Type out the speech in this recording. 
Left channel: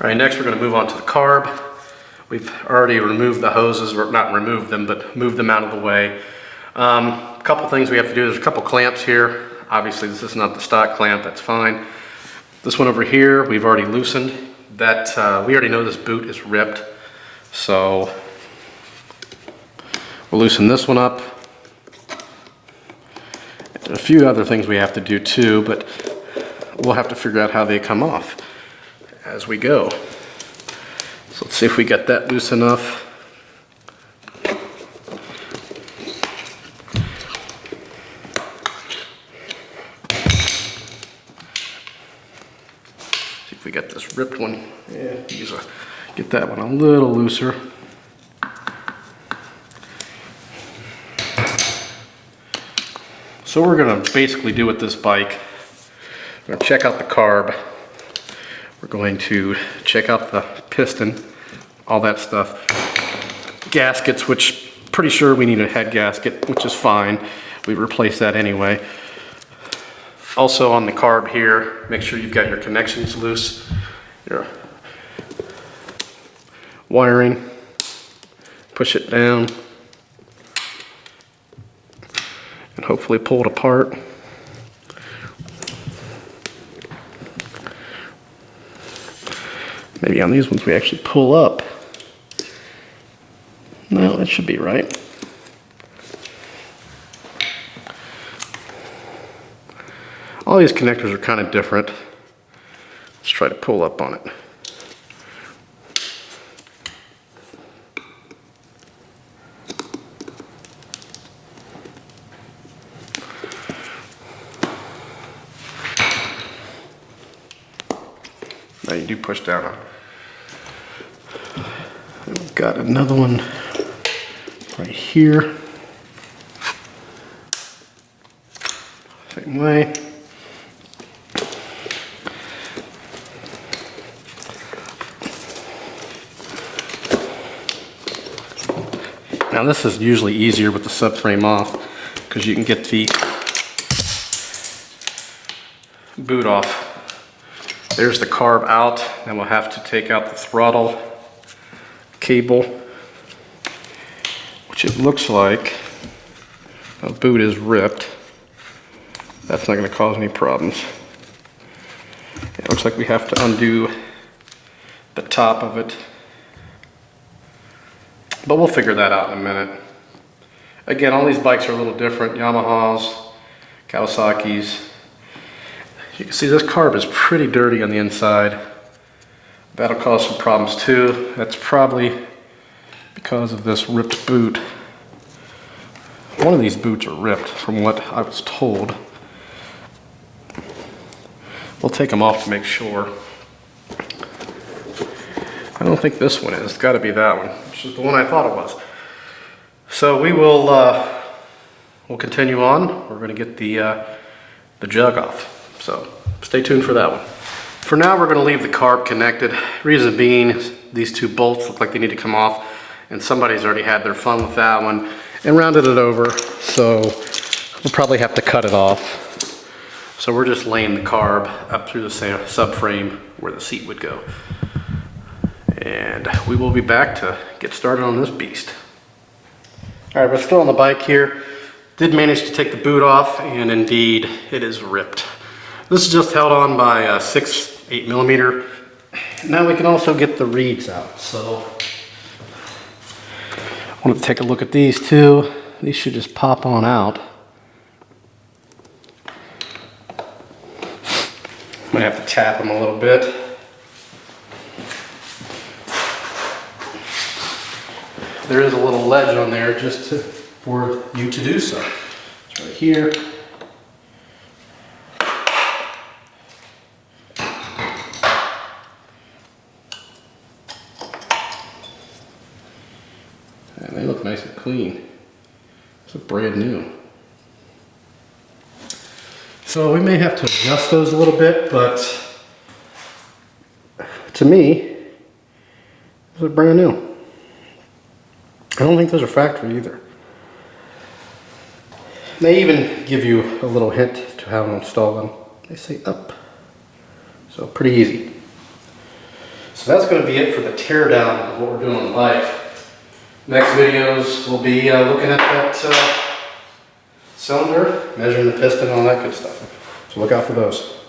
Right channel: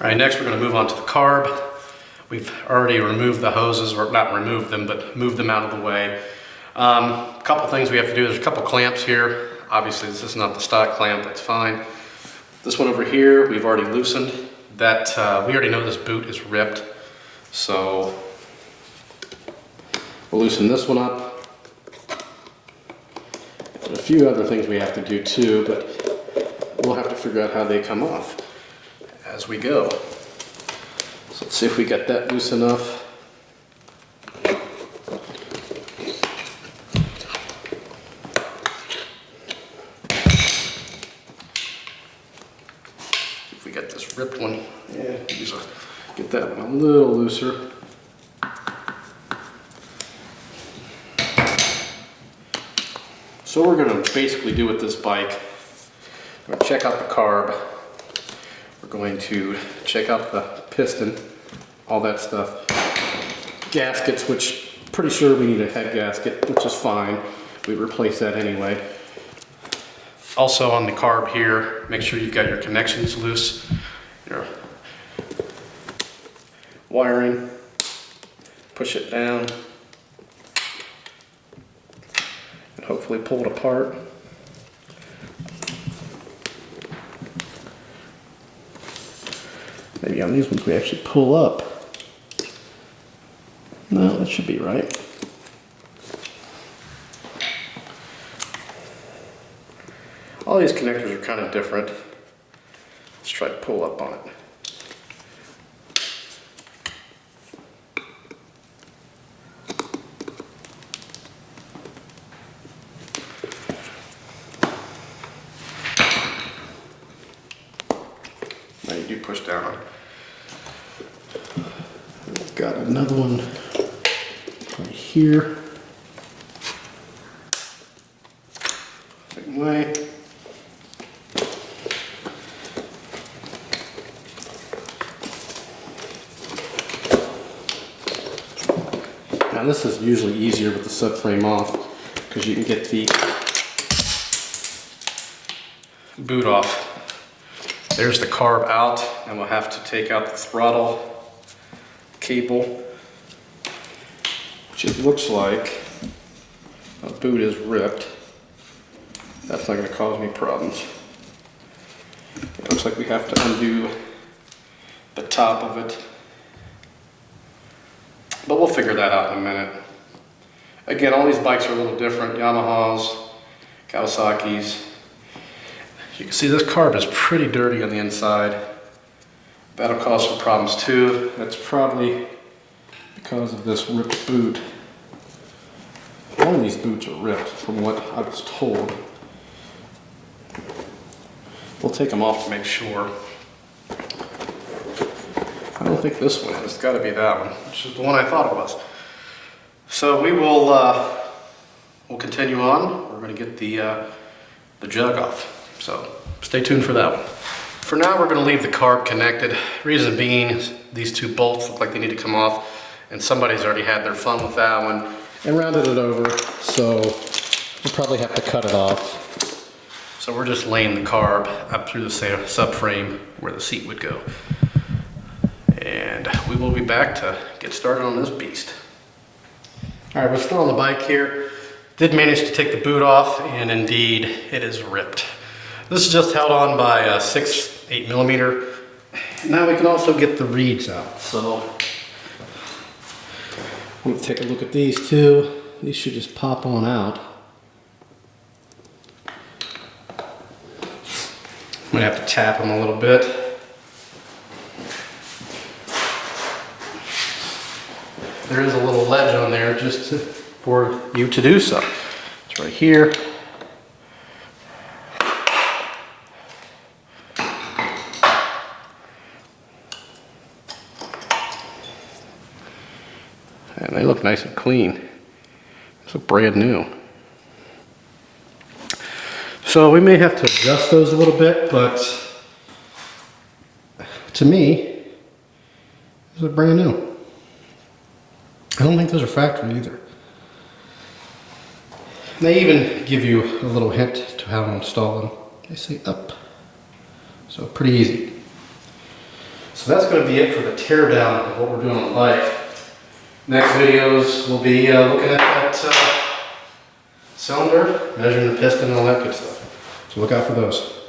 All right, next we're going to move on to the carb. We've already removed the hoses, or not removed them, but moved them out of the way. A couple things we have to do. There's a couple clamps here. Obviously this is not the stock clamp, that's fine. This one over here, we've already loosened. That, we already know this boot is ripped. So we'll loosen this one up. And a few other things we have to do too, but we'll have to figure out how they come off as we go. So let's see if we get that loose enough. See if we get this ripped one. Yeah, get that one a little looser. So what we're going to basically do with this bike, we're going to check out the carb. We're going to check out the piston, all that stuff. Gaskets, which pretty sure we need a head gasket, which is fine. We replace that anyway. Also on the carb here, make sure you've got your connections loose, your wiring, push it down, and hopefully pull it apart. Maybe on these ones we actually pull up. No, that should be right. All these connectors are kind of different. Let's try to pull up on it. Now you do push down on it. We've got another one right here. Same way. Now this is usually easier with the subframe off because you can get the boot off. There's the carb out, then we'll have to take out the throttle cable, which it looks like the boot is ripped. That's not going to cause any problems. It looks like we have to undo the top of it, but we'll figure that out in a minute. Again, all these bikes are a little different. Yamahas, Kawasaki's. You can see this carb is pretty dirty on the inside. That'll cause some problems too. That's probably because of this ripped boot. One of these boots are ripped from what I was told. We'll take them off to make sure. I don't think this one is. It's got to be that one, which is the one I thought it was. So we will we'll continue on. We're going to get the jug off. So stay tuned for that one. For now, we're going to leave the carb connected. Reason being is these two bolts look like they need to come off, and somebody's already had their fun with that one and rounded it over, so we'll probably have to cut it off. So we're just laying the carb up through the subframe where the seat would go. And we will be back to get started on this beast. All right, we're still on the bike here. Did manage to take the boot off, and indeed it is ripped. This is just held on by a 8mm. Now we can also get the reeds out. So I want to take a look at these too. These should just pop on out. I'm gonna have to tap them a little bit. There is a little ledge on there just for you to do so. It's right here. And they look nice and clean. They look brand new. So we may have to adjust those a little bit, but to me, those are brand new. I don't think those are factory either. They even give you a little hint to how to install them. They say up. So pretty easy. So that's going to be it for the teardown of what we're doing on the bike. Next videos we'll be looking at that cylinder, measuring the piston and all that good stuff. So look out for those.